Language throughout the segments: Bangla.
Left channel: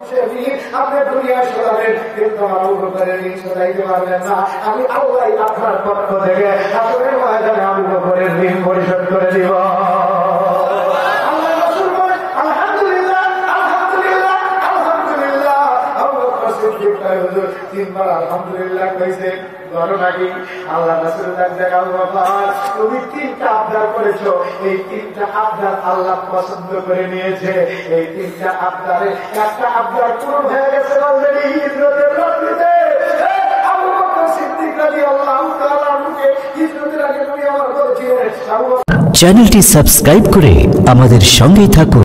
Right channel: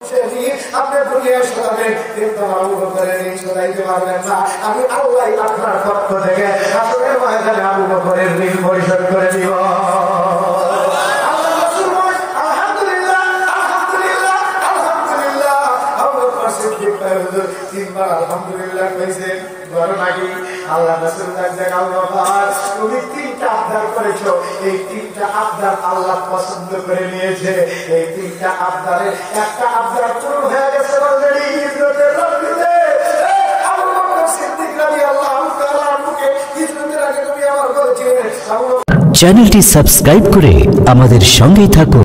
আপনি দুনিয়া শোনাবেন, কিন্তু আমার আবু বকরের ঋণ শোনাইতে পারবেন না। আমি আল্লাহ আপনার পক্ষ থেকে আসলে ময়দানে আবু বকরের ঋণ পরিশোধ করে দিব। তিনবার আলহামদুলিল্লাহ কইছেন। আল্লাহ রাসূল তুমি তিনটা আবদার করেছো, এই তিনটা আবদার আল্লাহ পছন্দ করে নিয়েছে। এই তিনটা আবদারে একটা আবদার পূরণ হয়ে গেছে অলরেডি। হিজরতের রাত্রিতে আবু বকর সিদ্দিক রাদিয়াল্লাহু তাআলা মুখে হিজরতের আগে নবী আমার বলেছিলেন, চ্যানেলটি সাবস্ক্রাইব করে আমাদের সঙ্গেই থাকুন।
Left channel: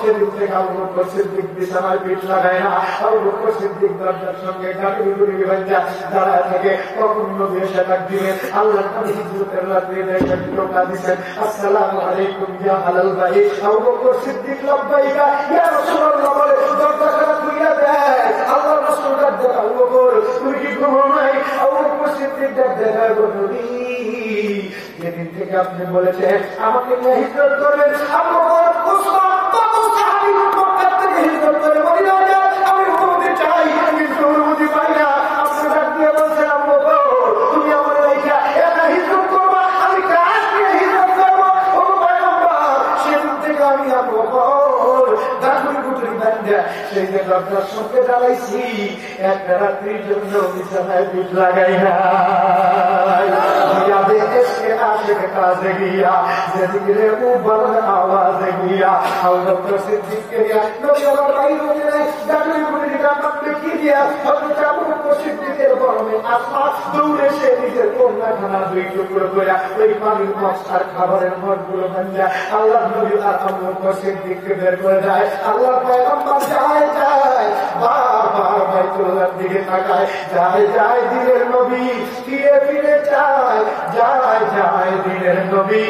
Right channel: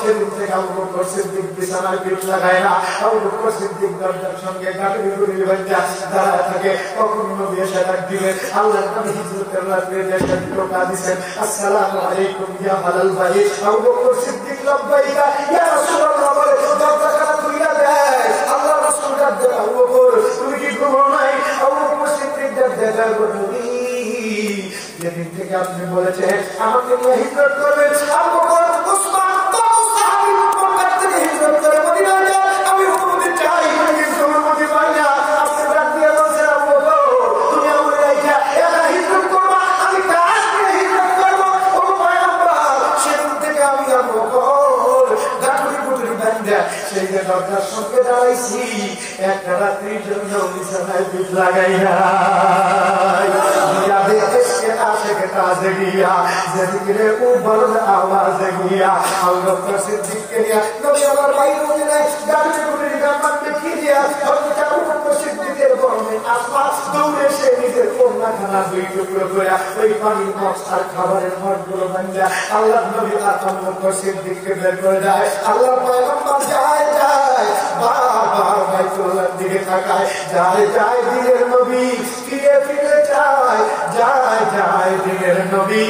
সেদিন থেকে আবু বকর সিদ্দিক বিছানায় পিঠ লাগায় না। আবু বকর সিদ্দিক দরজার সঙ্গে গাড়ি গুড়ি বাঁধা দাঁড়ায় থাকে। কখন নবী এসে ডাক দিবেন, আল্লাহ নবী হিজরতের রাতে একটা টোকা দিবেন, আসসালামু আলাইকুম ইয়া আলাল ভাই। আবু বকর সিদ্দিক লব্বাইকা ইয়া রাসূলুল্লাহ বলে দরজাটা খুলে দেয়। আল্লাহ রাসূল ডাক দেয়, আবু বকর তুমি কি ঘুমাও নাই? আবু বকর সিদ্দিক ডাক দেয়, নবী যেদিন থেকে আপনি বলেছেন আমাকে নিয়ে হিজরত করবেন, আবু বকর উসমান আমি অনুমতি চাই, কিন্তু অনুমতি পাই না। আপনি ডাক দিয়ে বলছেন, আবু বকর তুমি আমার হিজরত করবা, আমি কাজ নিয়ে হিজরত করবো। ও পয়গম্বর, সেদিন থেকে আমি আবু বকর গাঠুরি গুটুরি বান্ধা সেই যে দরজার সঙ্গে দাঁড়াইছি, একটা রাত্রির জন্য বিছানায় পিঠ লাগাই না। ताज़े गया ज़िक्र ऊपर आवाज़ गया अबू बकर सिद्दीक के लिए नबी और भाई रोने नहीं गाड़ी गुड़ी का मन में कीजिए और अबू बकर सिद्दीक के बारे में आसमान दौड़े से निकल कोना खाना दुई टुकड़ो किया ওই পানির বক্স আর খাবারের মগগুলো ভাঙা আল্লাহ নবী আর আবু বকর সিদ্দীককে বের করে দেয়। আল্লাহ পয়গম্বর যায় যায় বারবার বাইতুল্লাহর দিকে তাকায়, যায় যায় দিনের নবী ফিরে ফিরে যায়, যায় যায় দিনের নবী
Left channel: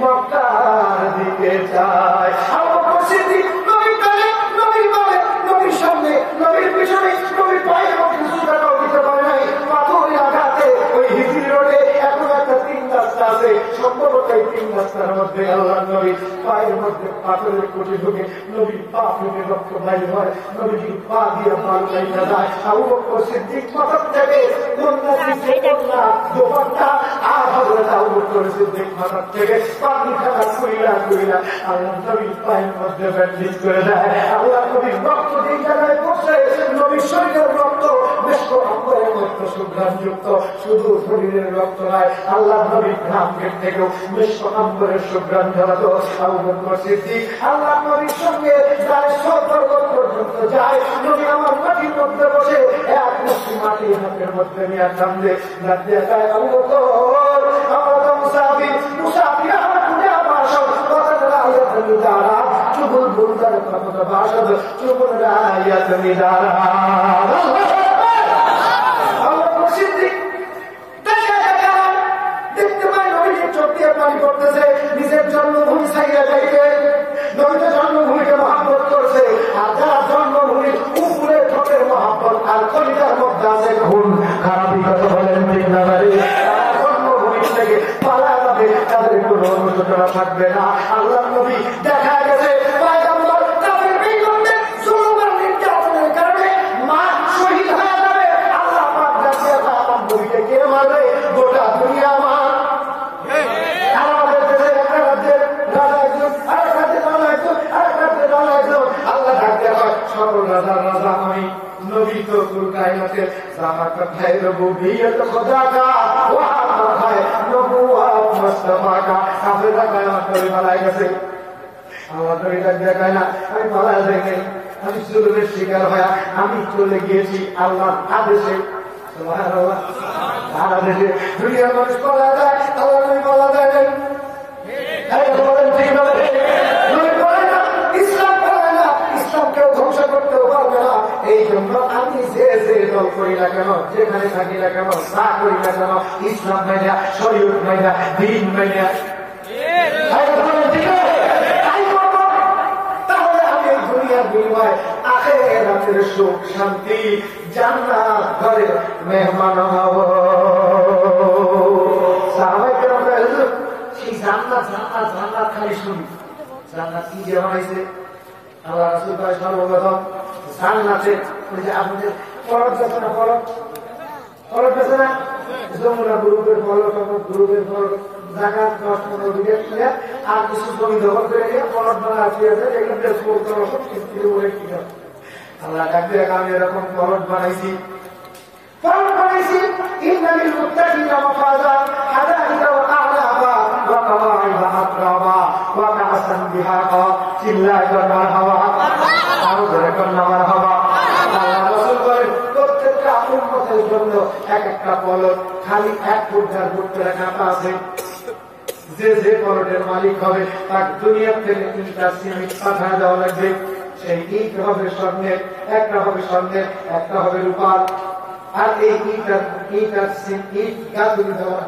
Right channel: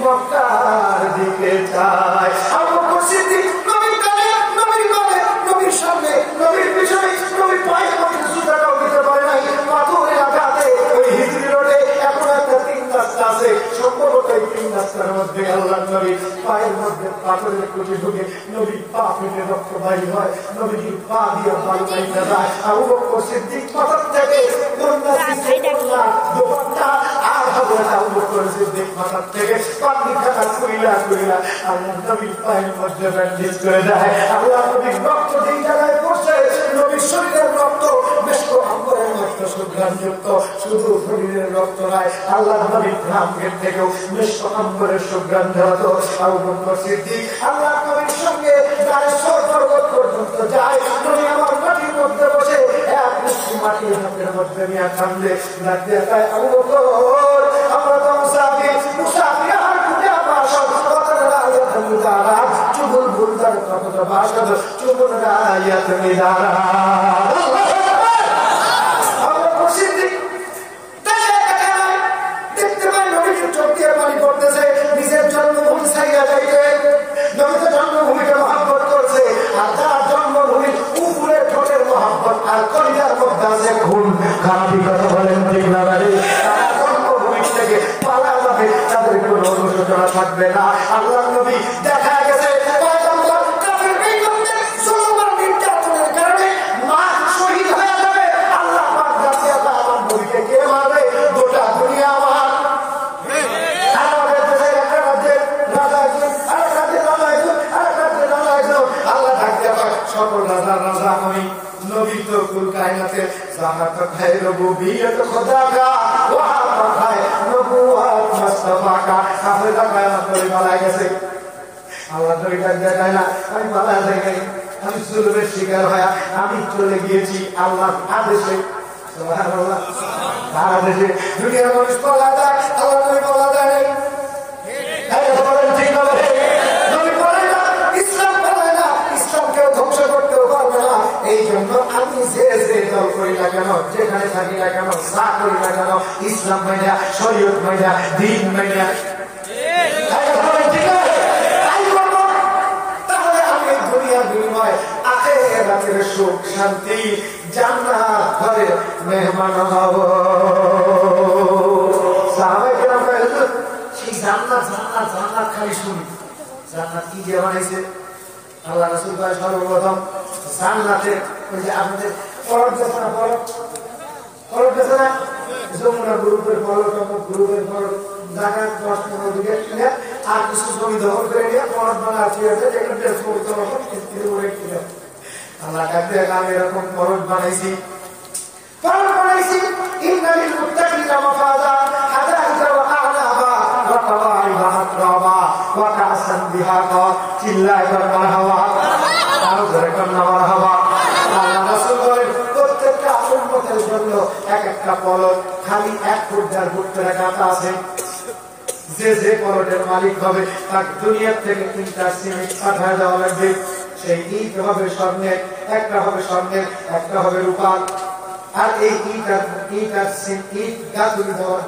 মক্কার দিকে যায়। আবু বকর সিদ্দীক নবী কালে নবী বলে নবীর সামনে নবীর পিছনে নবী পায়ে মধ্যে সুদাটাও দিতে পারে নাই। পাথরের আঘাতে ওই হিজরি রোডে এখন একটা তিন রাস্তা আছে, সম্ভবত এই তিন রাস্তার মধ্যে আল্লাহ নবী পায়ের মধ্যে পাথরের কুটি ঢুকে নবী পা ফেটে রক্ত বাইর হয়, নবীর পা দিয়ে পাল বাইরে যায়। আবু বকর সিদ্দীক পাথর থেকে কন্যা দিচ্ছে কন্যা দোপাট্টা আর হযরত আবু বকর সিদ্দীক পাথর থেকে পানি খাতা কুইলা কুইলা আল্লাহ নবীর পায়ের মধ্যে ব্যান্ডেজ করে দেয়। আল্লাহ নবীর রক্ত যেই জায়গায় পড়ছে নবীর শরীরের রক্ত মেশক আম্বরের মতো সুগন্ধযুক্ত, শুধু শরীরের রক্ত নয় আল্লাহ নবীর ঘামের থেকেও মেশক আম্বরের সুগন্ধ হতো। আবু বকর সিদ্দীক আল্লাহ নবীর সঙ্গে গায়ে পর্বত পর্যন্ত যায়। নবী আমার মাটির মধ্যে বসে এক মুঠি মাটি হাতের মধ্যে নিয়ে কান্দে, দেখায় আবু বকর আমরা তো মুসাফির, মুসাফির আর ঘুরে বাসন কতটা রায়াত মিদারা চুবুল বুলদার কতটা বাসন চুবুল রায়াত মিদারা। আবু বকর সিদ্দীক দেখতে পায় নবীর চোখ দিয়ে পানি পড়তেছে, নিজের জন্মভূমি ছাইয়া যাইতে নবীর জন্মভূমিকে মহব্বত করছে। আর যারা জন্মভূমির উপরে ঠোঁটের মহব্বত আর কলিজার মধ্যে আছে খুন খারাপি কথা বলেন ঠিক না বাড়ি, জন্মভূমি থেকে পালা যাবে, তাদের কোনো অনুশোচনা থাকবে না। আল্লাহ নবী দেখা গেছে পয়গম্বর কাফের বিরুদ্ধে জুলুম আর নির্যাতনের কারণে মা শহীদ হয়ে যাবে। আল্লাহ পাক জানিয়ে পায় আমার নবীকে কে মারবে? গোটা দুনিয়া আমার। আমাদের দেশের একটা রাজ্যের রাজা একজন, আর একটা রাজ্যের রাজা একজন, আর একটা রাজ্যের রাজা একজন। আল্লাহ ডাকতে পায় সকল রাজা রাজা আমি নবী তো কুল কায়নাতের যাহা কথায় রুবুবিয়ত খোদা কা ওয়া কথায় নবুওয়াত মুস্তাফা কা। আপনি তাকায় আমার নবী পালায় গেছে, আল্লাহ নবী দেখায় না আমি পালায় যাই, আমি জুলুমের শিকার হয়ে আমি চলে গিয়েছি আল্লাহর আদেশে। সুবহানাল্লাহ, তার আদেশে দুনিয়ার মানুষ পালায় যায়, আল্লাহ নবী পালায় যায়। ঠিক না? নবী পালায় না, ইসলাম পালায় না, ইসলামকেও ধ্বংস করতেও পারবে না। এই জন্য আমি যে যে দল করি না কেন, যেখানে থাকি না কেন, যা করি না কেন, ইসলাম মাইনা, শরীয়ত মাইনা, দ্বীন মাইনা তাহলে আমি এই দুনিয়ার বিনিময়ে আখিরাতের সুখ শান্তি জান্নাত ঘরে মেহমান হব। সাহাবায়ে কেরাম সেই জান্নাত জান্নাত জান্নাত খালি শুনি, জান্নাত কি দিয়ে বানাইছে? আল্লাহ রাসূল ভাই সর্বপ্রথম জান্নাতে ওই যে আপনাদের পলট আছে না, পলট আছে না, যমুনা গ্রুপের পলট, গ্রুপের পলট জায়গা 10-15 বিঘা কিনে আর কিছু জমি দখল করে নিয়ে পলট বানা আছে, এগুলো বেশ কৌতল আল্লাহ ডাকতে আমি এরকম পলট বানাইছি। ইন্নালিল মুত্তাকিনা মাফাজা হাদাইকা ওয়া আ'নাবা ওয়া কাওয়াইবা আতরাবা ওয়া কাসান বিহাকা চিল্লায় মারহাবা, আরো জোরে কন্না মারহাবা। আল্লাহ রাসূল বলেন প্রত্যেকটা উম্মতের জন্য এক একটা পলট খালি 1 ফুট 4 ফুট করে কাটা আছে। যে পলটের মালিক হবে তার দুনিয়া থেকে 3টা সিমেন্ট পাঠায় দেওয়া লাগবে। সেই ইট হবে স্বর্ণের, একটা হবে স্বর্ণের, একটা হবে রূপার। আর এই ইট গাছগুলি দেওয়ার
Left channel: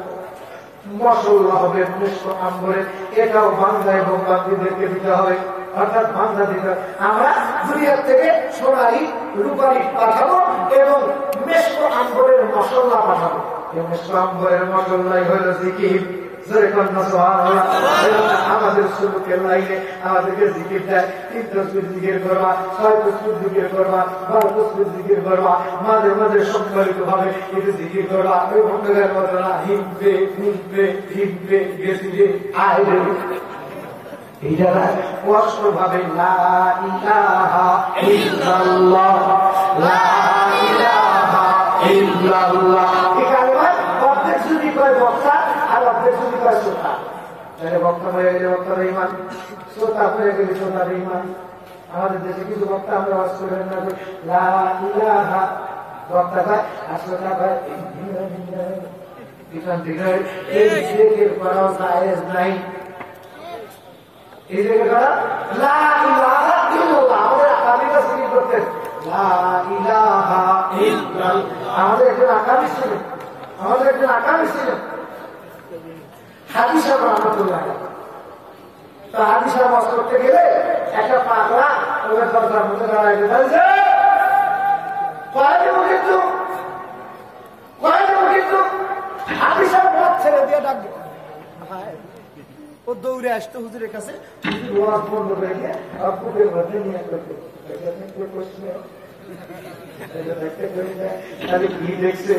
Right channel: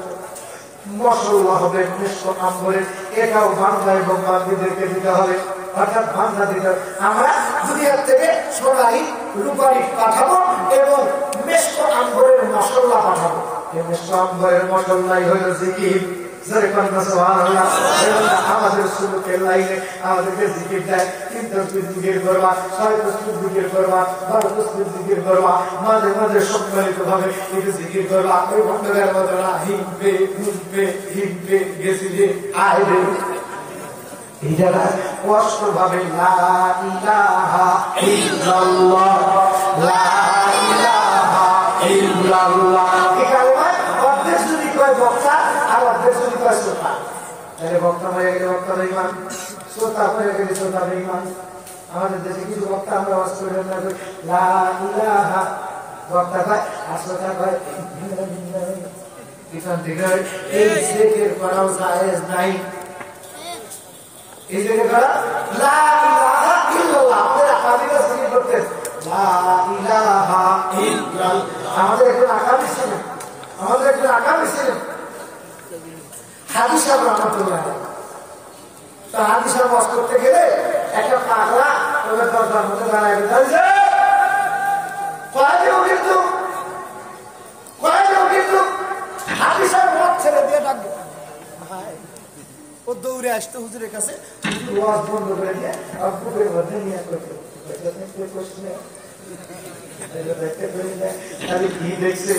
মশলা হবে মিশ্র আম্বরের, এটাও বাংলা এবং বাঙ্গিদেরকে দিতে হবে, অর্থাৎ বাংলা দিতে হবে। আমরা দুনিয়ার থেকে সোনারি রূপারি পাঠাবো এবং মিশ্র আম্বরের মশলা পাঠাবো। এই মিশ্র আম্বরের মশলাই হইল জিকির। আমাদের সুলুকের লাইনে আমাদেরকে জিকির দেয়, 3 তসবিহ জিকির করবা, 6 তসবিহ জিকির করবা, 12 তসবিহ জিকির করবা, মাঝে মাঝে সম্মিলিত ভাবে একটু জিকির করবা। এই বন্ধুদের মতো না হিমবে হিমবে হিমবে গেছি যে আয় রে, এটা কষ্ট ভাবে লা ইলাহা ইল্লাল্লাহ লা ইলাহা ইল্লাল্লাহ। এই কালেমায় অর্ধেক যদি কয় বক্তা আর অর্ধেক যদি কয় শ্রোতা, তাহলে বক্তা মরে গেলে বক্তা বেঈমান, শ্রোতা মরে গেলে শ্রোতা বেঈমান। আমাদের দেশে কিছু বক্তা আমরা বাস করেন না, লা ইলাহা বক্তা কয় আর শ্রোতা কয় এখান থেকে এই জিকির করাও জায়েজ নাই। এই জায়গায় করা লা ইলাহা ইল্লাল্লাহ, আমাদের আকাবিরা জিকির করতেন লা ইলাহা ইল্লাল্লাহ। আমাদের একজন আকাবি ছিলেন, হাজী সাহেব রহমতুল্লাহ। তো হাজী সাহেব ওয়াজ করতে গেলে একটা পাগলা ওদের দরজার মধ্যে দাঁড়ায় গেছে, হাজী সাহেব ওয়াজ ছেড়ে দিয়ে ডাকবে, ও দৌড়ে আসতো হুজুরের কাছে, ওয়াজ বন্ধ করে দিয়ে আর বুকের মধ্যে নিয়ে করতো। কি দেখছে?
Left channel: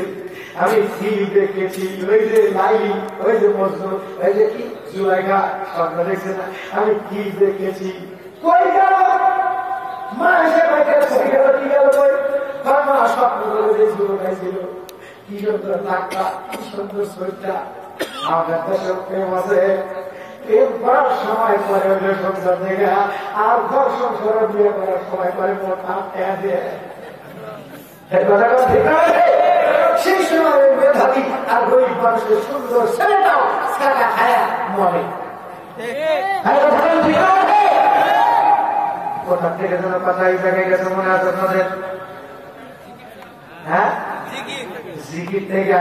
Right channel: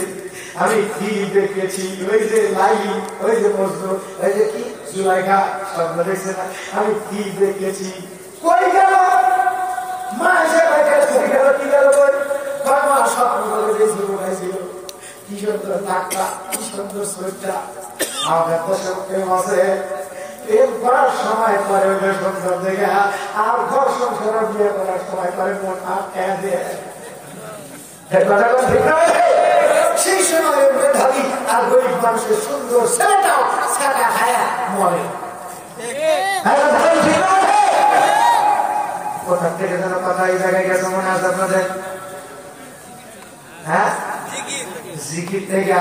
আমি কি দেখেছি? ওই যে লাইলি, ওই যে মজনু, ওই যে কি জুলাইখা, স্বপ্ন দেখছে না? আমি কি দেখেছি? কই গেল মা? এসে কই গেল? কি গেল? কই মা? স্বপ্ন করে ছিল, কি সুন্দর নাকটা, কি সুন্দর শরীরটা। আমাদের দেশে প্রেম আছে, প্রেম করার সময় পরে ওই সুন্দর দেখে আর ঘর সংসার বিয়ে করার সময় পরে মন দেয়। সেই সময় মেধাবী আর গরিব মানুষের সুন্দর ছেলেটাও ছাড়া খায়া মরে। কোথা থেকে যেন কথা এই জায়গায় গেছে মনে আছে আপনাদের? হ্যাঁ, জিকির থেকে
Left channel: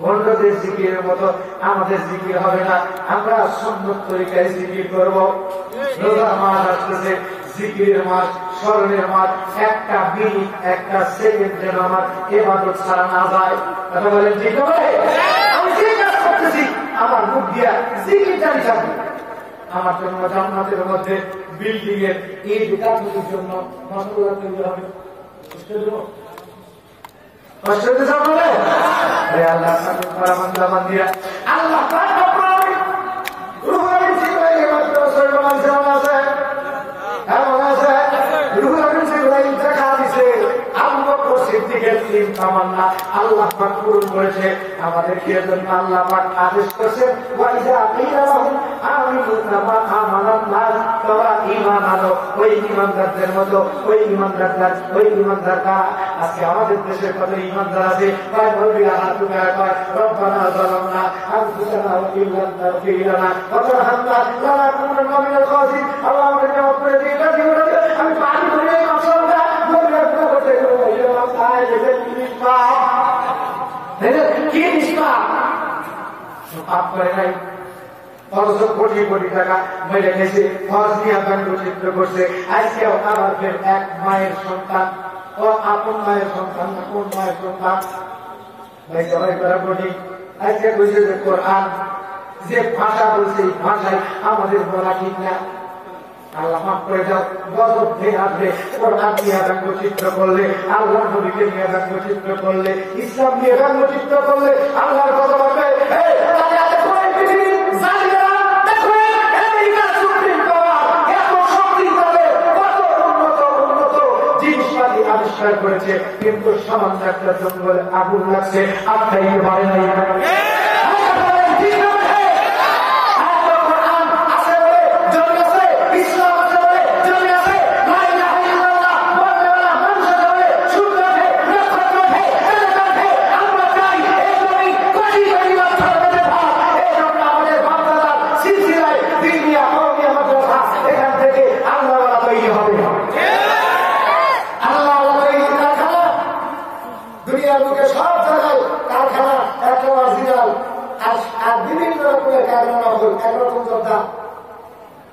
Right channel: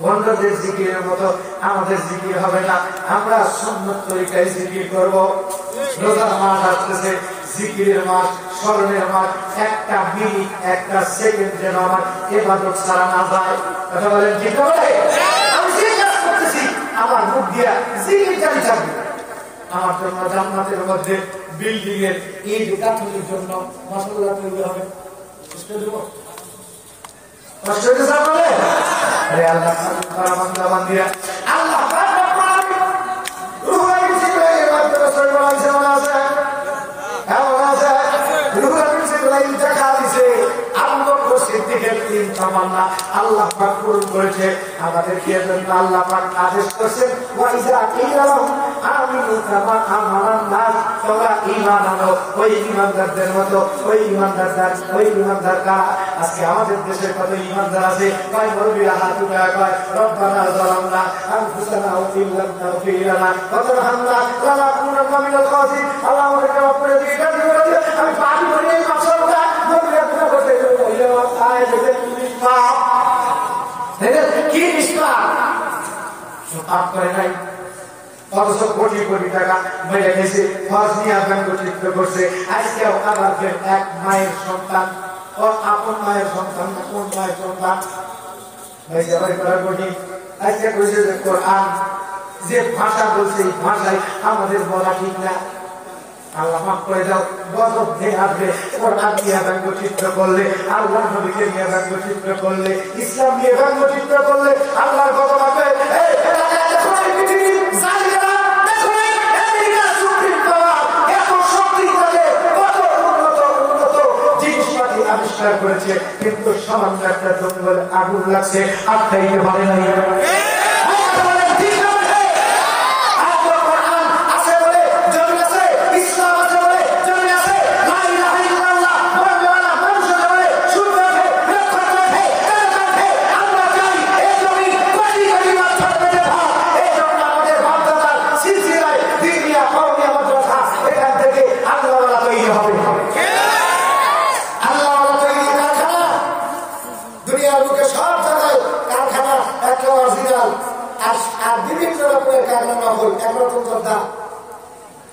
বন্ধদের জিকিরের মতো আমাদের জিকির হবে না। আমরা সুন্নত তরিকায় জিকির করবো। রোজার মাস আসতেছে, জিকিরের মাস, স্মরণের মাস। একটা মিনিট, একটা সেকেন্ড যেন আমার ইবাদত ছাড়া না যায়। কথা বলেন ঠিক হবে? আমি যে কাজ করতেছি আমার মুখ দিয়া জিকির জারি থাকবে। আমার জন্য জান্নাতের মধ্যে বিল্ডিং এর ইট গাঁথনির জন্য মশলা তৈরি হবে। কষ্ট হইতে যাবে? আল্লাহ বান্দা বান্দিরা, আল্লাহ আল্লাহ পাক পূরণ করেছে আমাদেরকে। আল্লাহ পাক আদেশ করছেন তোমরা ঈমান আনো। ওই ঈমানদারদের মতো ওই ঈমানদার কারা? আজকে আমাদের দেশের কত ঈমানদার আছে, ভাই বলবিরা হাত উঠায় কয় রব্বানা যালামনা আনফুসানা ওয়া ইন লাম তাগফির লানা ওয়া তারহামনা লানাকুনান্না মিনাল খাসিরিন। আল্লাহ আমাদেরকে মাফ করে দিন। আমি পানি ভরে মাশাআল্লাহ বললে করতে গেলে আয় যে নিষ্পাপ, কি নিষ্পাপ? পাপ করে নাই, অথচ কোটি কোটি টাকা মেরে গেছে, হজ নিয়ে ব্যঙ্গচিত্র করছে। আজকেও আমার এক মায়ের সন্তান, ও আপন মায়ের সন্তান না কোন মায়ের সন্তান ভাই সবাই করা কঠিন। আজকে বুঝে যে কোরআন যে ভাষা বলছে এই ভাষায় আমাদের বলা ঠিক না। আল্লাহ মাফ করে দাও। গজব খেয়ে হাতে কোরআন নিয়ে ব্যঙ্গচিত্র করলে, আল্লাহ নবীকে নিয়ে ব্যঙ্গচিত্র করলে, ইসলাম নিয়ে ব্যঙ্গচিত্র করলে আল্লাহর গজব আসবে। আবিষ্কার করেছে, কিন্তু সামান্য একটা জঙ্গলে আগুন লাগছে, আটকাইতে পারে নাই। এখান থেকে আল্লাহ তৈরি হবে। দুনিয়ার বুকে সব জায়গায় কারখানা একটা অরিজিনাল আর বিভিন্ন রকমের কারখানা হল একরকম যোদ্ধা।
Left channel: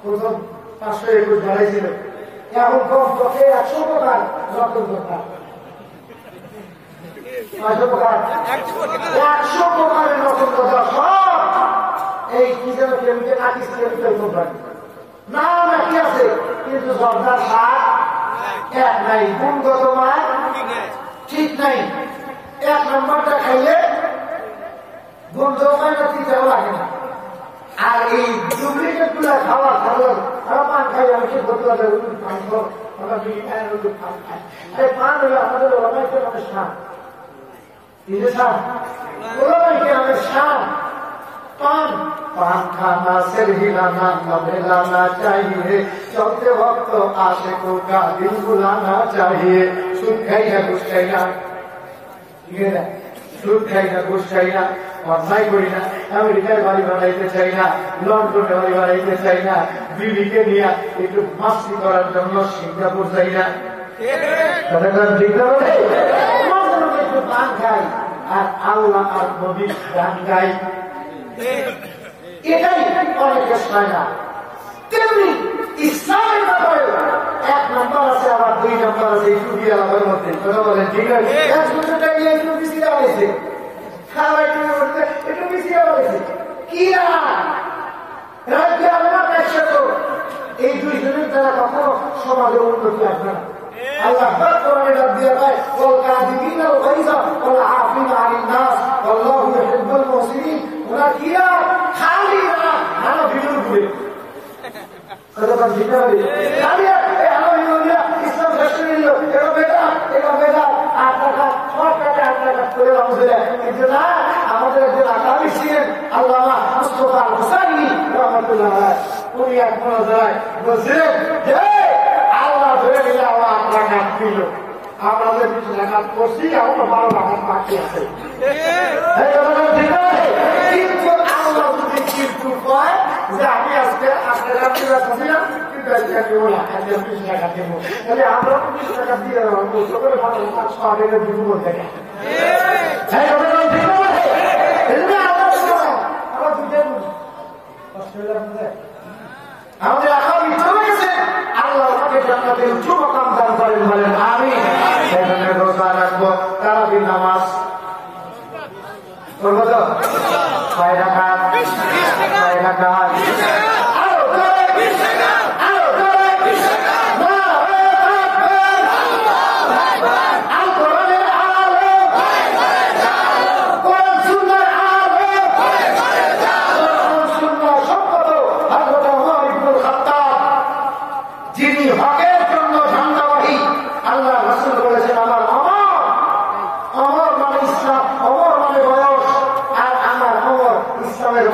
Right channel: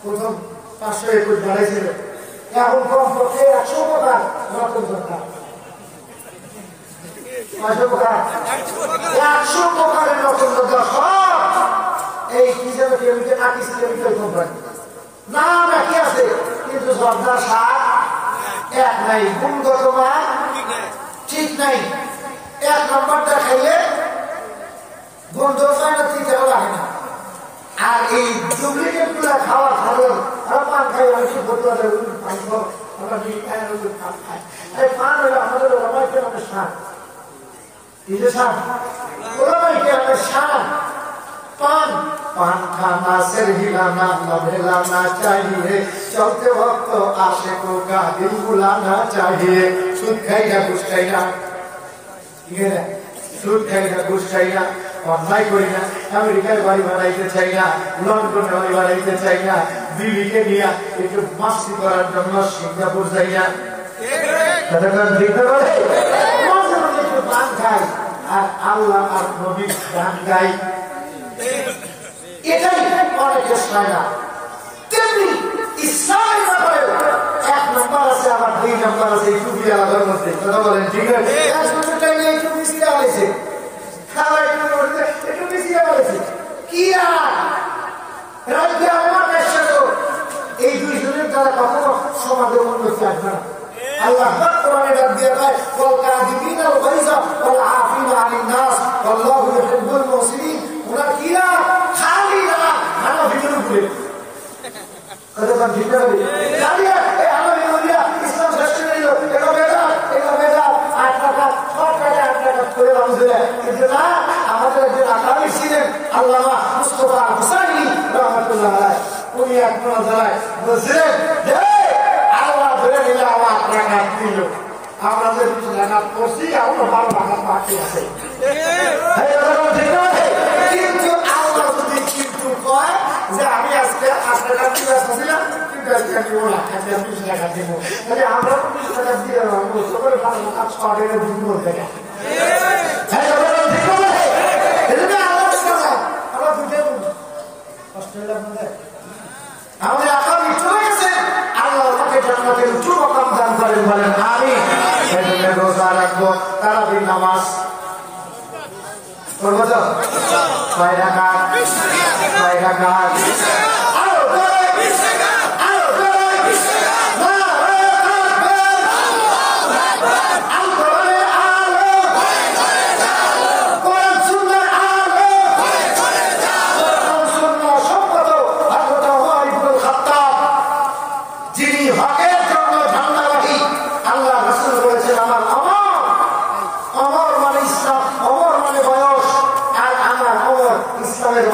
প্রথম 521 বাড়াইছিল, এখন কমপক্ষে 100 প্রকার নতুন যোদ্ধা। 100 প্রকারের নতুন যোদ্ধা সব এই কি যেন কেমিক্যাল আকিস কেমিক্যাল কোম্পানি নাম একই আছে, কিন্তু যোদ্ধার স্বাদ এক নাই, গুণগত মান ঠিক নাই। 1 নম্বরটা খাইলে গন্ধ পায় না, তিতাও লাগে না। আর এই ডুপ্লিকেট গুলা খাওয়া সাধারণ পান খাই, আমি সে পান খাই। পান হলে আমাদের ওলামাইকে আমাদের শান, ওলামাইকে আমাদের শান। पान पान खाना सिर हिलाना हिलाना चाहिए, चौथे वक्त आशिकों का दिल बुलाना चाहिए। सुध खाई ना घुस खाई ना, सुध खाई ना घुस खाई ना, অন্যায় করি না। আমেরিকায় বাড়ি বানাইতে চাই না, লন্ডনে বাড়ি বানাইতে চাই না, দিল্লিকে নিয়ে একটু মাস্তি করার জন্য সিঙ্গাপুর যাই না। একটু পান খাই আর আল্লাহ আর নবীর গান গাই, এটাই অনেকের চায় না। তেমনি ইসলামের ব্যাপারে 1 নম্বর আছে, আবার 2 নম্বর আছে। এই টুপি আলাদার মধ্যে কথা বলেন, ঠিক আছে? একটু বেশি দেওয়া হয়েছে, একটু বেশি দেওয়া হয়েছে কি এই 2 জনের দ্বারা কখনো সমাজের উন্নতি আসবে না। আল্লাহ কোরআনে ডাক দিয়ে কয় ওয়াল কাযিবিনা ওয়াল গায়যা ওয়াল আফিনা আনিন নাস ওয়াল্লাহু ইউহিব্বুল মুহসিনিন। ওরা কি খালি ভালো ভিডিও করে কথা বল, ঠিক আছে? খালি এই আলহামদুলিল্লাহ ইসলাম শ্রেষ্ঠ নিল, এটা বেটা 8 টাকা 6 টাকা 8 টাকা করে আলহামদুলিল্লাহ। কিন্তু না, আমাদের একজন আকামি ছিলেন আল্লামা মুস্তাফা হুসাইনি রাহমাতুল্লাহ আলাইহি, উনি এক মনোজায় বলছিলেন যে আল্লাহ ধরে নিলে আমার 8 টাকা দিল, আমরা যে 20 টাকা করছি এখনো 12 টাকা বাকি আছে। কিন্তু আল্লাহ যদি কিন্তু কয় যে আমি আজকে 8 টাকা দিয়ে আসছিলাম, কিন্তু আজকে দিব না, আজকে 20 টাকা দেব, তাহলে আমরা 20 টাকা দিয়ে দেবো, সকালে ভালো কাজ পাবে না, দিব টাকা। আমাদের আগামী চলে গেছে, আল্লাহ তাকে জান্নাতের উচ্চ মাকাম দান করেন, বলেন আমিন। সেই জন্য রোজা রাখবো, তারাবির নামাজ করবো তো 6 রাকাত, 6 রাকাত।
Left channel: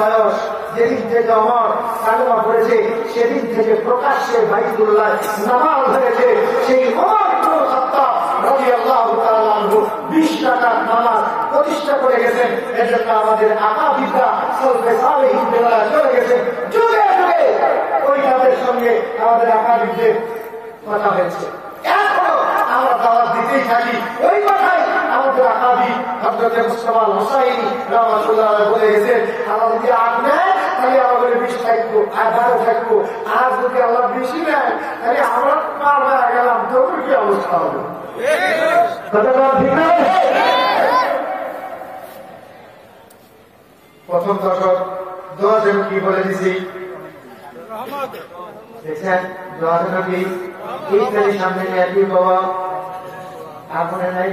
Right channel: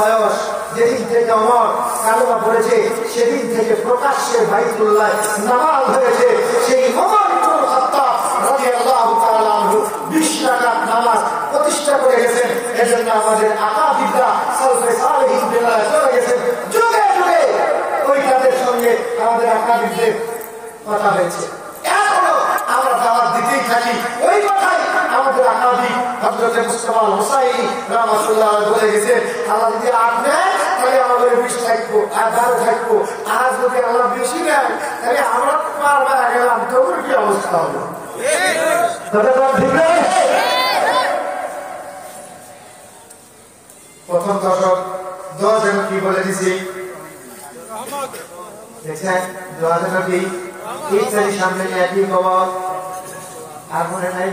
বয়স যেদিন থেকে আমার কালেমা পড়েছে, সেদিন থেকে প্রকাশ্যে বাইতুল্লাহ নামাজ হয়েছে। সেই ওমর ইবনুল খাত্তাব রাদিয়াল্লাহু তাআলা আনহু 20 টাকার নামাজ প্রতিষ্ঠা করে গেছেন। এজন্য আমাদের আকাবিদা সালফে সালেহিন বেলায় চলে গেছে, যুগে যুগে ওই তাদের সঙ্গে আমাদের আকাবিদদের কথা হয়েছে। এখনো আমরা দাওয়াত দিতেই থাকি ওই কথাই। আমাদের আকাবি হযরত মুস্তাফা হুসাইনি রাহমাতুল্লাহ বলে গেছে, আল্লাহ যদি 8 নেয় তাহলে আমাদের 20 থাকবো আর 12 থাকবো, আর যদি আল্লাহ বেশি নেয় তাহলে আমরা পারবা গেলাম, তোর কি অবস্থা হবে? প্রথম দশক 10 জন কি বলে দিছি, দেখছেন দোয়ার জন্য কি ইফতারির সামনে নিয়ে কি বাবা আর মনে নাই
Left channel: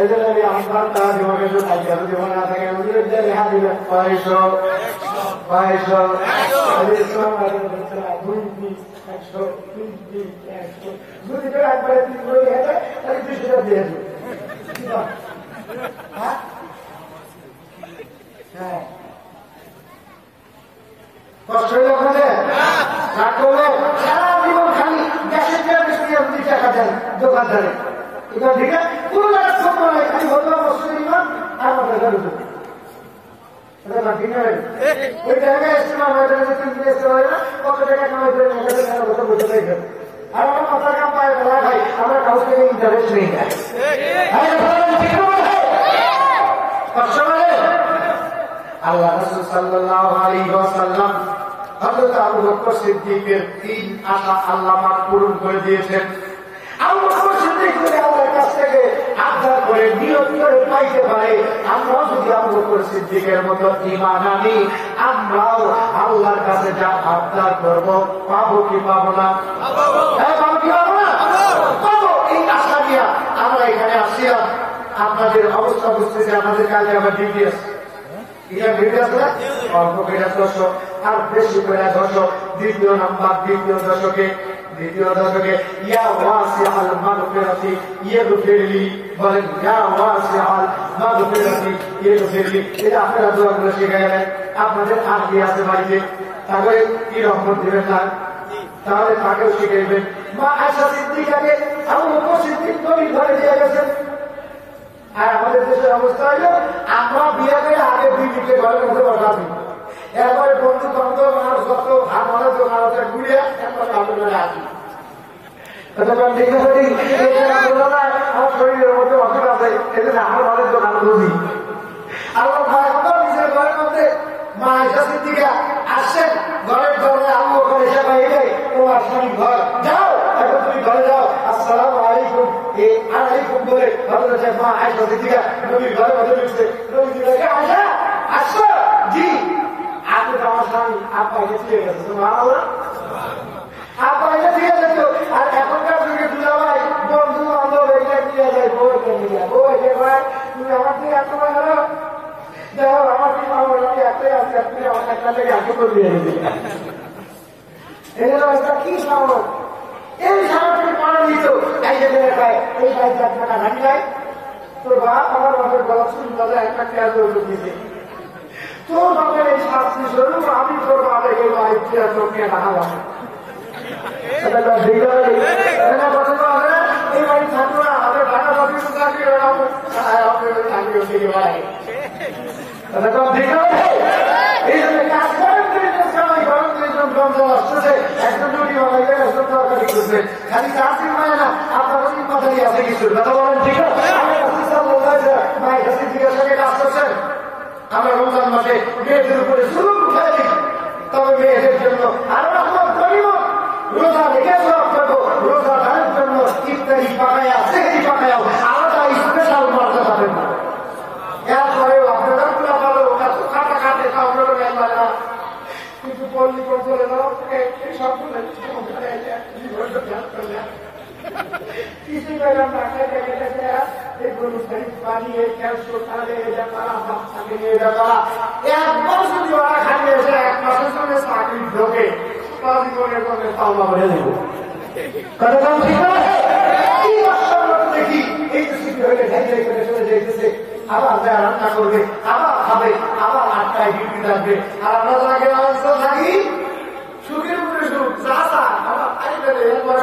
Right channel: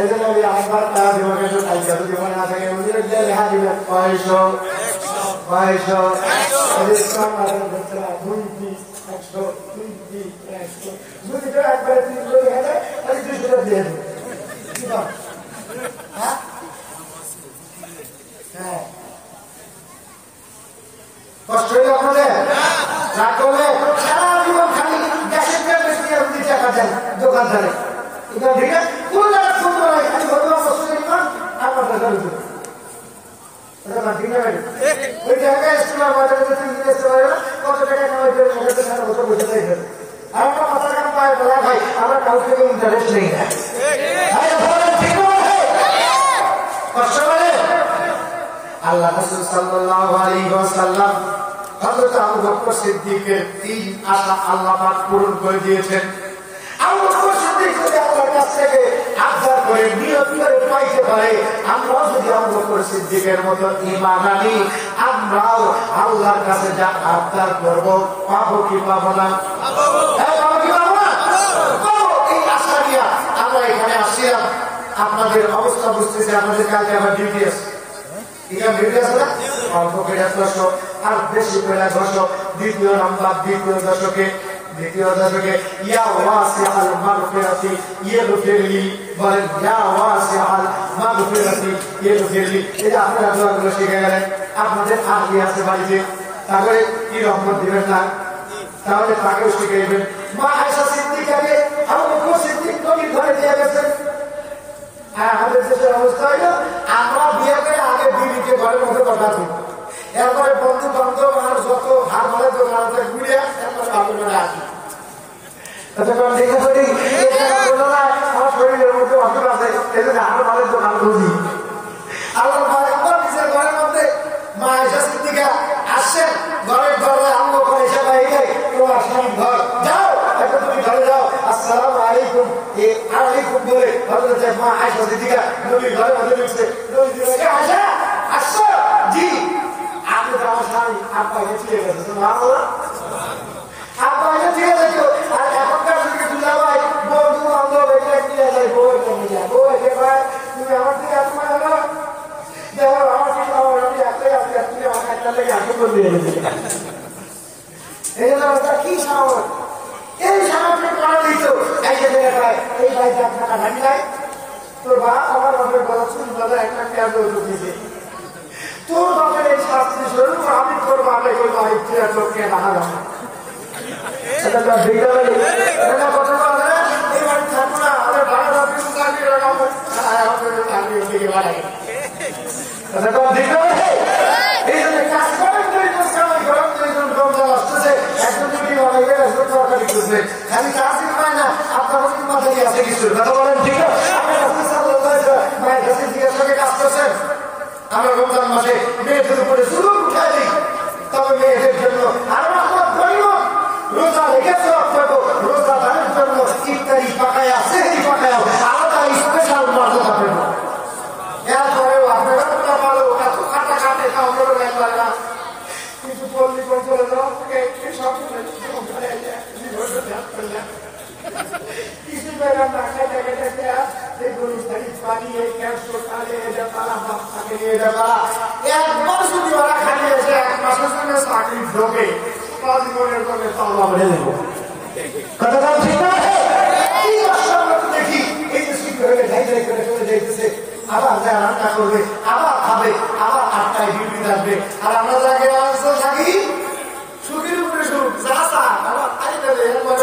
এই জন্য আমি আমার তার জীবনে তো তাই যাবে জীবনে না থাকে বুঝলে যে রেহা দিবে 500 ইসলাম আর বেচারা 2 পিস 100 3 পিস 100 যদি করে একবারে 3 করে দিয়ে দেয় তাহলে 2 করে দিয়ে দেবে কি বল হ্যাঁ কষ্ট হইল আপনাদের রাগ করলে সারা জীবন খালি দেশের কেউ টাকা দেন দোকানদারে এটা দেখে কোন জায়গা সুন্দর হয় খালি হতো মুসলিম আর মাথা ধরে দেবে ওই জায়গায় ইসলাম কত টাকা কামাই করে বছর বসে থাকবে আর আমরা মাথা কাম পায় বলা ভাই আমরা কাউ থেকে ইন্টারেস্ট নেই আল্লাহ রাসূল সাল্লাল্লাহু আলাইহি ওয়াসাল্লাম হযরত আবু বকর সিদ্দিকের 3 আশা আল্লাহ পাক পূরণ করে দিয়েছেন। আবু বকর সিদ্দিক যদি আল্লাহর কাছ থেকে আবদার করে নিয়ত করে পাইতে পারে, আমরাও যদি আবু বকর সিদ্দিকের মতো ঈমান আনি, আমরাও আল্লাহর কাছে যা আবদার করব পাবো কি পাবো না? হ্যাঁ, পাবো কি পাবো না? পাবো। এই আশা নিয়ে আমরা এখানে আসছিলাম। আপনাদের অবস্থা বুঝতেছি, আমাদের কালকে আমার ডিউটি আছে। এটা বেড়ে আসে না অল্প বেড়ে আসলো আর বেশি বেড়ে আসলো। দ্বিতীয় দশকে ইয়া ওয়াসিআল মাগফিরাতি ইগফিরলি, বলেন ইয়া ওয়াসিআল মাগফিরাতি ইগফিরলি। এটা আপনারা দোয়া করে শিখে গেলেন। আপনাদের আর কি আছে বাড়িতে? তারপরে কি রহমত দিবেন না, তাহলে তাকেও শিখে দেবেন। মা আয়েশা সিদ্দিকাকে আবু বকর সিদ্দিক নবীর ঘরে দিয়ে গেছেন। আর আমাদের দেশের অবস্থা হইল, আমরা বিয়ে করে আগে বিবিকে ঘরের মধ্যে বসাচ্ছি, এরপরে বন্ধু বান্ধব আর যত ভালো দোকান আছে ঘুরিয়ে এরপরে ভালো করে আসি। আমার শরীরের মধ্যে অসুখ আছে, এই জন্য আর ভালোর দোকান বুঝি। আল্লাহ নিজের ঘরের মধ্যে মা আয়েশা সিদ্দিকা আসছেন, ঘরের দরজায় আবু বকর এসে বাইরে, তোমার স্বামী ঘর, যাও এখন তুমি ঘরে যাও, আসসালামু আলাইকুম আলাইকুম বলে হযরত মা আয়েশা সিদ্দিকা নবীর ঘরের মধ্যে ঢুকছে। নবী বলে, আয়েশা আসছো? জি। আপনি তো আমার স্বামী, আপা গেছে ঠিক আছে, সুবহানাল্লাহ, আপা গেছে ঠিক আছে। আর এখনকার যুগে দুলা ভাই বন্ধু বান্ধব এটা কি যায়, বউ এটা নিয়ে যায়, বউ এসে ভাই তুমি আমার থেকে এত ভালো দেখো, আমার কি খবর, আমি একটাই আছি, আপনি আমার একটা লেগে আগে করে দিয়ে গেছে। এই জন্য কি সাহস, এই সাহসের কারণ দিত এই যে এই বাড়িতে আপনারা হাঁটি যায়, তোর বাপ আমার বাপের গলা চুল বাজা একটা ক্যাজ দিয়েছে, তোর বাপের এই শাস্তি শুরু, আমি তোর বাপের এই বাড়িতে চোখে দেখা যাবো। এই বাড়ি থাকবো না, আমাদের ভাড়া অফিস চাকরি লাগাবো, দিকে বাড়াই এই জন্য কাজ করেন গরম আসতেছে, একজন যদি বানাইবে একজন তরকারি করবে, খালি কাজই পায় না, আপনার মাথায় আছে কিছু কথা বলেন, ঠিক আছে? আমি মায়ের কাছে জিজ্ঞাসা করে আসতেছেন, আমরা রমজান মাসে মেয়েদের উপরে শুরু উঠাই দিই, তবে মেয়েদের জন্য আর রোজা লেগে করবো, রোজা দানের জন্য ইফতারি পাকায়া সেহরি পাকায়া আলাদা স্পেশাল মর্যাদা পাবেন। এরপরেও আপনারা ভালো এত খাটা খাটে খাওয়া একবার না, কিছু পল্লী করে দাও, কিছুই পেলাম না, খেতে খেতে এই গরু বানিয়ে একবার যদি ওরা খাইয়ে এসে 1 মাসের জন্য চাকরি ঢোকে, জীবনের জন্য পাওয়া বলে দেব। কি কষ্টের মতো দেখি এই যে ছুটি হলে ঢাই ঢাই করে চলে যাইতেছে, আবার যায় রান্না করবে, আবার খাবে, আবার 8টায় ডিউটি থাকবে, আর আমরা আগে থাকি সুখের উপরে সুখ, যা চান আবার খালি দেবে, এরপরে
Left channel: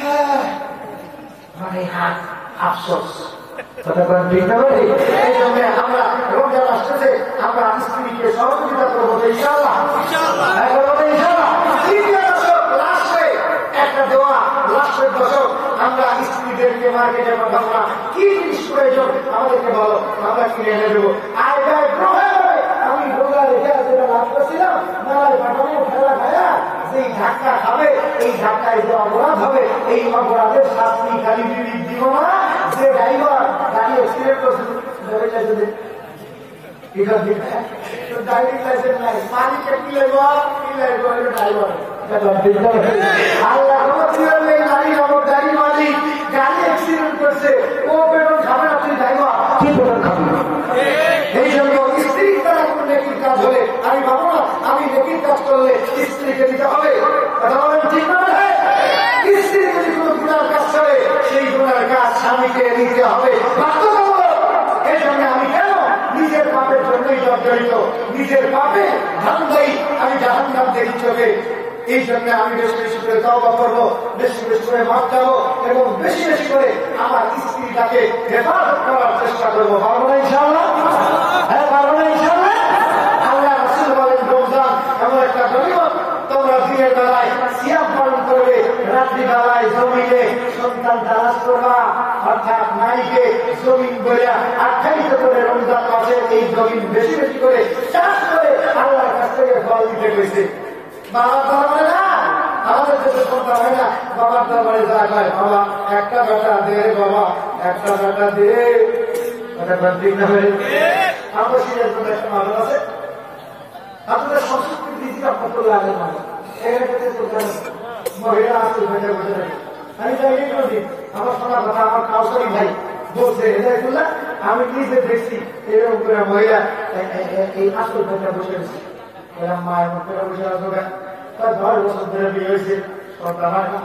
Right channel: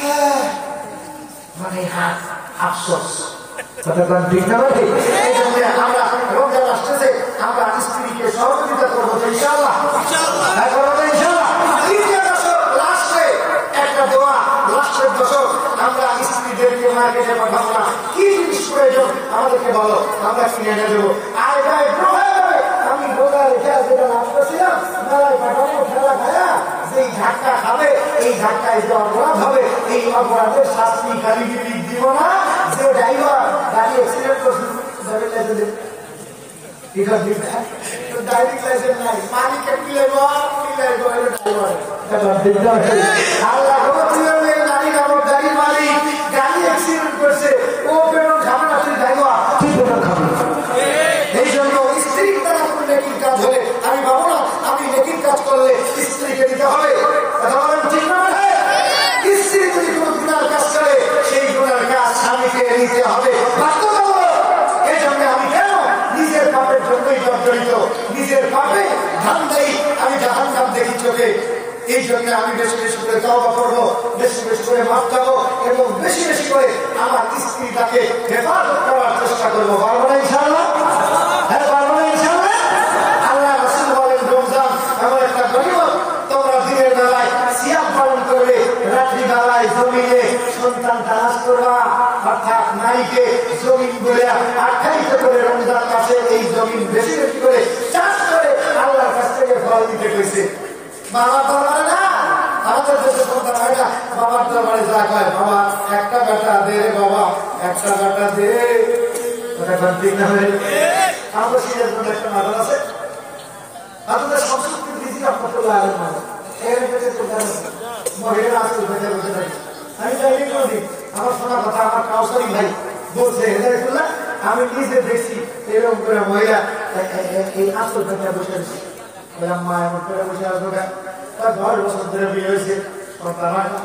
হ্যাঁ মানে আফসোস কতক্ষণ ঠিক না ভাই? এই জন্য আমরা রমজান আসতেছে, আমরা স্ত্রীকে সহযোগিতা করবো তো ইনশাআল্লাহ, করবো তো ইনশাআল্লাহ। তৃতীয় দশক লাস্টে একটা দোয়া, লাস্টের দশক আমরা স্ত্রীদেরকে মার্কেটে পাঠাবো না, কি জিনিস প্রয়োজন আমাদেরকে বলো, আমরা কিনে এনে দেবো। আয় ভাই আমি রোজা রেখে যেটা লাভ করছিলাম, মেলায় পাঠাবো, খেলা খায়া যেই ধাক্কা খাবে, এই ধাক্কায় যে অপরাধ হবে, এই অপরাধের শাস্তি খালি দিব না, যে ড্রাইভার গাড়ি অ্যাক্সিডেন্ট করছে ড্রাইভিং লাইসেন্স নাই, মালিককে কি লাগবে ড্রাইভার আল্লাহ এই নারী নামক গাড়ির মালিক গাড়ি অ্যাক্সিডেন্ট করছে, ও পেট্রোল খাবে না, তুই যাইবা, তুই পেট্রোল খাবি। এই জন্য স্ত্রীর দ্বারা কোন নেকির কাজ হলে আমি ভাবো না আমি নেকির কাজ করলে স্ত্রীকে দিতে হবে, কথা বলেন ঠিক না? স্ত্রী যদি কোন গুনার কাজ করে সেই গুনার কাজ স্বামীকে নিতে হবে বাধ্যতামূলক। এই জন্য আমি কেন নিজের পাপের জন্যই জর্জরিত, নিজের পাপে ধান্দাই আমি জাহান্নাম দেখি চোখে। এই জন্য আমি বেশি বেশি করে তওবা করবো, বেশি বেশি করে মাফ চাবো এবং বেশি বেশি করে আমার স্ত্রীটাকে হেফাজত করার চেষ্টা করবো। পারবো না ইনশাআল্লাহ? হ্যাঁ পারবো না ইনশাআল্লাহ? আল্লাহ রাসূল বলেন রমজান এমন একটা গনিমত, তোমরা দিনের বেলায় সিয়াম পালন করবে, রাত্রি বেলায় জমিনে সন্তান তালাশ করবা, অর্থাৎ নারীকে জমিন বলে আখ্যায়িত করে রমজান মাসে এই জমিন বেশি বেশি করে চাষ করে আল্লাহর কাছ থেকে ফল দিতে কইছে। বাবার দরবারে না, আমাদের দেশে সন্তান হয় না, বাবার দরবারে যা কয় বাবা একটা বেটা দে রে বাবা, একটা বেটা দে। ঠিক না? আমরা সিরিয়ার জন্য একটা মাদল আছে, আপনাদের সংস্কৃতি দিদি রহমতুল্লাহ আলের মানে মহিলা আসতে বসে বসে থাকি। আমি চাইলে দিন আমার শোনা কথা আমার কাউসারি ভাই বলছে হেদায়তুল্লাহ, আমি নিজে দেখছি এরকম করে মহিলা এই আসল ভেতরে বসে আছে। মা এমন করে বসে আসবো, তার 10 বছর ধরে বিয়ে হয়েছে, সন্তান হয় না।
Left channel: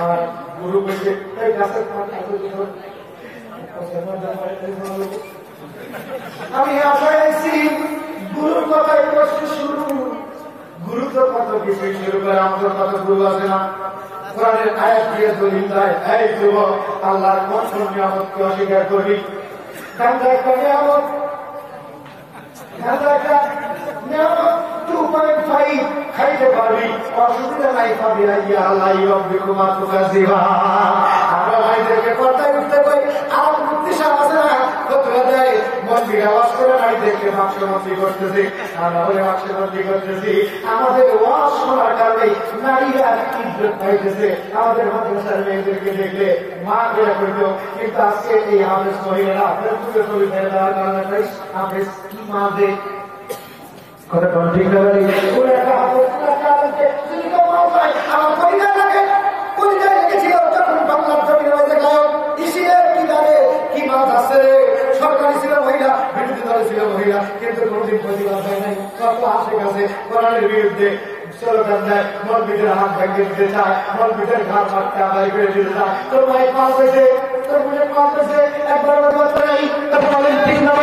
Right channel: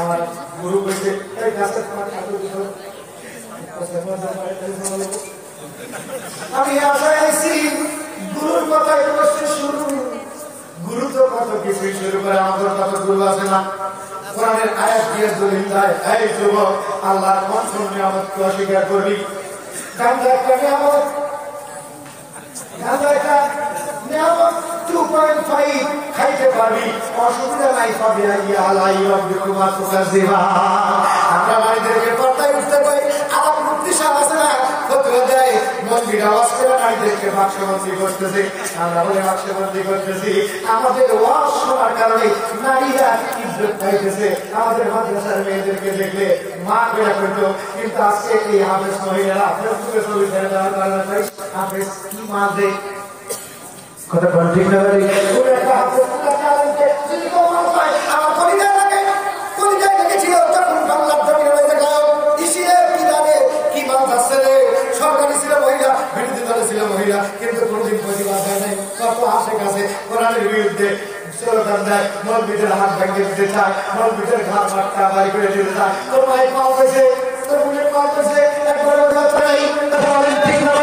আমার গুরু বলছে এই গাছের আমি আশায় আছি গুরুর কথাই বসছে শুরু। গুরু তো কত কিছুই শুরু করে, আমাদের কত গুরু আছে না? কোরআনের আয়াত দিয়ে দলিল দেয়, এই যুবক আল্লাহর কোন কোন নিয়ামতকে অস্বীকার করবি? কান্দা একটা নিয়ামত, কান্দা একটা নিয়ামত 2.5 খাইতে পারবি, অসুবিধা নাই, পাবি আল্লাহ রব্বিকুমা তুকাযিবান। আমরা নারীদেরকে পর্দায় উঠতে কই, আলাপ মুক্তি সাহ আছে না, ফতোয়া দেয় মন্দির আওয়াজ করে নারীদেরকে বাক্সবন্দি করতেছি, আমরা বলে বাক্সবন্দি করতেছি। আমাদের ওয়াজ শোনার কারণে নারীরা ইজ্জত পাইতেছে। আমাদের মাদ্রাসার মেয়েদেরকে দেখলে মা বেড়া করতো, কিন্তু আজকে এই হাফেজ মহিলারা ফেসবুকে ছবি ছেড়ে দেওয়ার কারণে হাফেজ কি মা দেখ কথা বল ঠিক না? কোন একটা হাফেজ যদি কেউ মা পায় আমার কলিজায় লাগে, কলিজায় লেগেছিল তখন বাংলার জমির মধ্যে গায়ক ইসিয়ে কি জানে কি মা যাচ্ছে রে। সরকারি ছিল মহিলা, বিরোধী দলে ছিল মহিলা, কিন্তু কোনদিন প্রতিবাদ হয় নাই। কত আসে কাছে কোরআনের বিরুদ্ধে স্লোগান দেয়, মসজিদের হাত ভেঙে দিতে চায়, মসজিদের ঘর মাঠটা বাড়ি করে দিতে চায়। তোর মায়ের পাল পেয়েছে, তোর বোনের পাল পেয়েছে, একবার নাই কথা বলেন ঠিক না?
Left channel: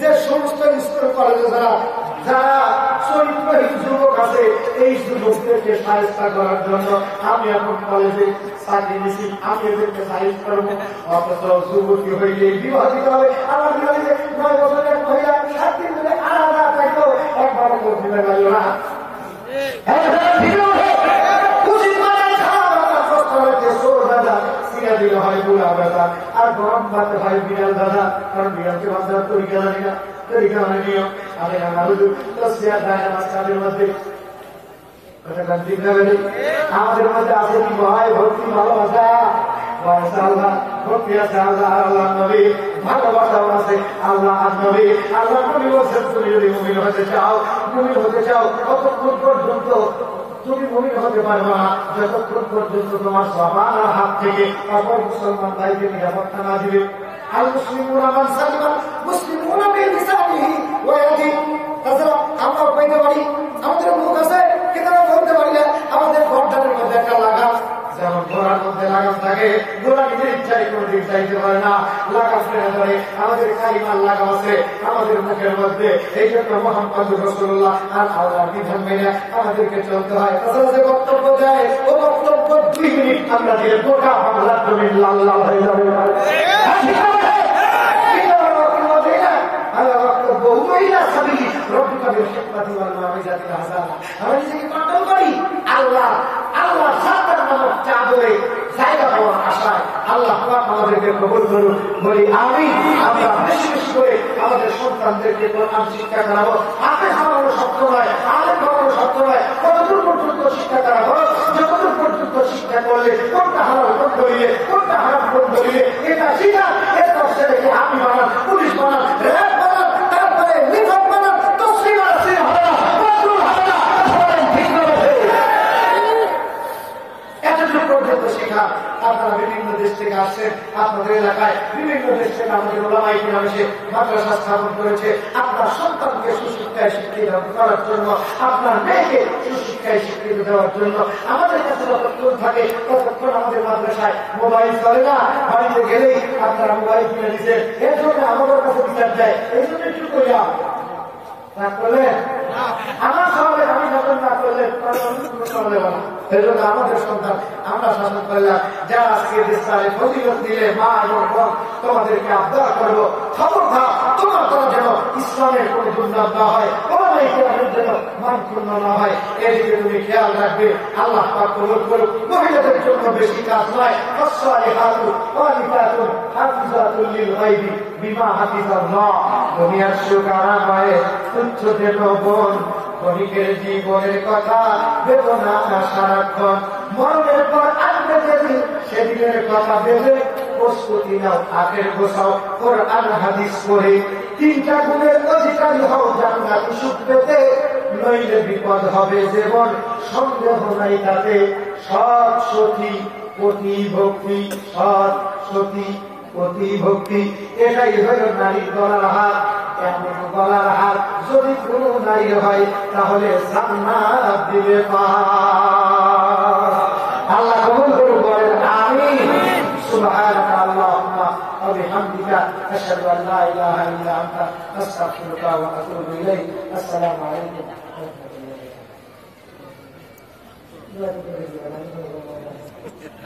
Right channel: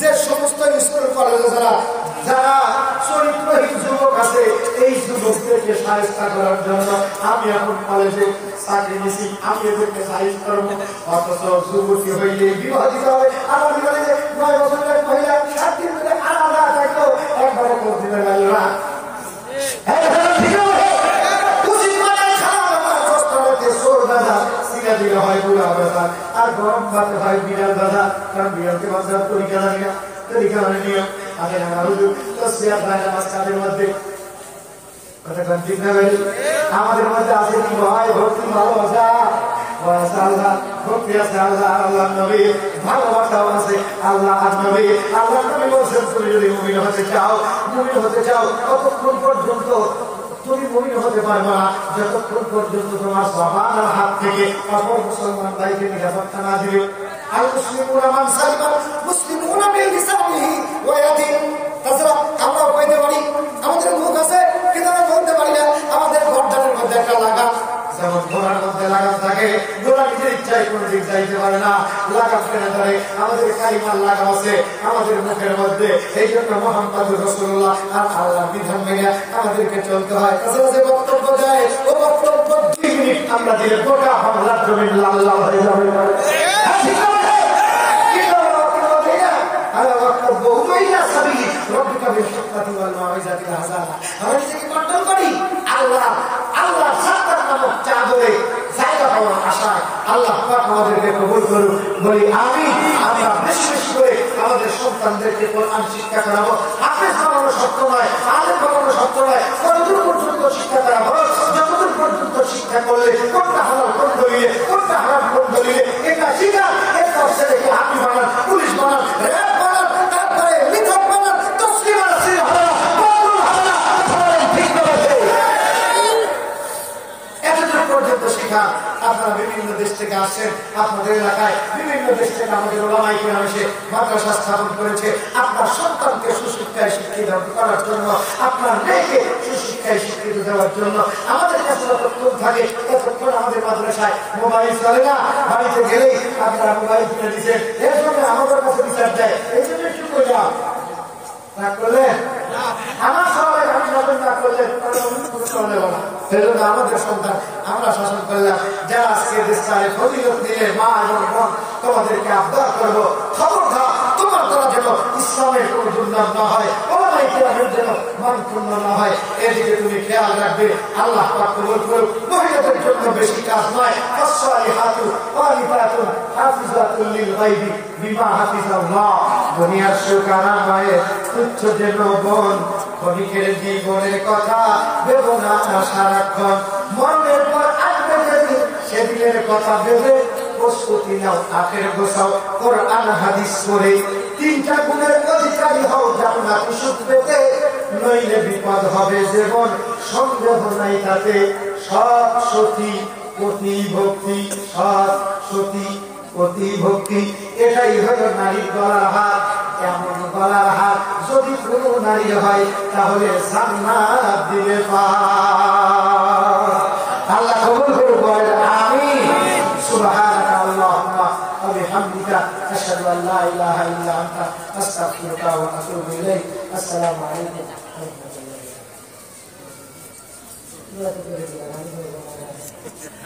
যে সমস্ত স্কুল কলেজে যারা চরিত্রহীন যুবক আছে, এই যুবকদেরকে সাহায্য করার জন্য আমি এখন কলেজে চাকরি নিছি, আমি এদেরকে সাহায্য করবো। অথচ যুবতী হইলে বিবাহ দিতে হবে। আমার বিবাহে 9 বছরের মহিলা 7 দিন ধরে আলাদা থাকলেও একবারে করতে পারল না। হয় বুড়া দাদা আর গরম ভাতে হয় বিড়াল দাদা, কারণ বিড়ালকে বাচ্চারা তরিকা জানি না, তরিকা মানে নিয়ম আগে না হুজুর তো শেয়ার দেয় আমার কাজের মধ্যে। আমাদের মধ্যে আছে কি ভাই ভক্তি ভালোবাসা, আল্লাহ ভক্তি আছে, আল্লাহ আল্লাহ নবী ভালোবাসা আছে, আল্লাহ আর নবী। আল্লাহ নবী বলছেন তুমি যদি মুমিন হতে চাও, মুমিন হতে চাও কতক্ষণ পর্যন্ত তুমি মুমিন হতে পারবা না যতক্ষণ পর্যন্ত তোমার জবানের হাত থেকে অপর মুসলমান ভাইকে নিরাপত্তা না দিবে। আল মুসলিমুনা মান সালিমাল মুসলিমুনা মিন লিসানিহি ওয়া ইয়াদিহি। তাছাড়া আমরা কইতে পারি আমাদের মুখ আছে কিন্তু আমরা বলতে পারি না। আমাদের গর্দানের মধ্যে একটা লাগাম, যেমন ঘোড়ার মধ্যে লাগাম থাকে, ঘোড়া নিজের ইচ্ছায় কোনো দিক যাইতে পারে না, লাগাম টেনে ধরে। আমাদের কালিমার লাগাম আছে আমাদের মুখের মধ্যে, এই জন্য মুহাম্মদুর রাসূলুল্লাহ আর আল্লাহর বিধান মেনে আমাদেরকে চলতে হয়। তাছাড়া যে বক্তব্য দেয় ও বক্তব্য 2 মিনিট আমরা দিলে গোটা বাংলার জমি লাল লাল হয়ে যাবে। বক্তব্য হুমাইয়া সাবি রব্বিকা বিল-হিকমাতি ওয়াল-মাউইযাতিল হাসানা। আমরা নিজেকে কন্ট্রোল করি আল্লাহ সাত্তার নামক চাদরে জায়গা পাওয়ার আশায়। আল্লাহ পাক আমাদেরকে কবুল করুন, বলি আমিন। আমরা বেশি বেশি করে আমাদের সন্তানদেরকে কোরআন শিক্ষা করাবো। হাফেজ বানানো শক্ত নয়, আলেম বানানো শক্ত নয়, কতদূর পর্যন্ত শিক্ষা করাবো, যতদূর পর্যন্ত শিক্ষা করলে কোনটা হালাল কোন বলিয়ে, কোনটা হারাম কোন বলিয়ে এটা শিখা। এরপর ছেলেকে আর্মি বানান, পুলিশ বানান, আসছেন আপনাদের এলাকায়, বিভিন্ন দেশ থেকে আমাদের ওলামায়ে কিরাম এসে মাদ্রাসা স্থাপন করেছে। আপনার সন্তানকে সুশিক্ষায় শিক্ষিত করার জন্য, আপনার মেয়েকে সুশিক্ষায় শিক্ষিত দেওয়ার জন্য আমাদের কাছে যতক্ষণ থাকে ততক্ষণ আমাদের মাদ্রাসায় মোবাইল চলে না। বাড়িতে গেলেই আপনারা মোবাইল কিনে দিচ্ছেন, এর জন্য আমাদের কাছে বিচার যায়। এই জন্য একটু কইলাম না করলে আমার সমাজে আমি শাসন না করলে সেজন্য আমাদের সন্তান আমরা শাসন করলাম। যারা আজকে দেশে ফজিলত দিলে মা এবং বোন তোমাদেরকে আবদার করবো, খবরদার তোমার দ্বারা যেন ইসলামের কোন দুর্নাম না হয়, ওলামায়ে কিরামের যেন মানক্ষুণ্ণ না হয়, এদিকে তুমি খেয়াল রাখবে। আল্লাহ পাক কবুল করুক। মহিলাদের জন্য বেশি কাজ নয়। ফাসসালিহাতু ক্বানিতাতুন হাফিজাতুল লিল গায়বি বিমা হাফিজাল্লাহ। দুনিয়ার সুখ আরামে তুচ্ছ যেন বোন, ক্ষণিকের জীবনের কথা ভেবো না সারাক্ষণ। মরণের পর আসবে যেদিন, সেদিনের কথা ভেবে প্রস্তুতি নাও, আখের গোছাও কোরআন হাদিস পড়ে। তিনটা গুণের অধিকারী হও জান্নাতি সুখ পেতে, নইলে বিপদ হবে জীবন সন্দেহ নাই তাতে। সৎ সতী পতি ভক্তি, সৎ সতী পতি ভক্তি, এটাই হলো নারীর গলার হার। এমন গলার হার যদি কোনো নারী হয় তাহলে জান্নাত দিবে পার। আল্লাহ কবুল করে বলেন আমিন। সুবহানাকা আল্লাহুম্মা ওয়া বিহামদিকা আশহাদু আল লা ইলাহা ইল্লা আনতা আস্তাগফিরুকা ওয়া আতুবু ইলাইক। আসসালামু আলাইকুম ওয়া রাহমাতুল্লাহি ওয়া বারাকাতুহু।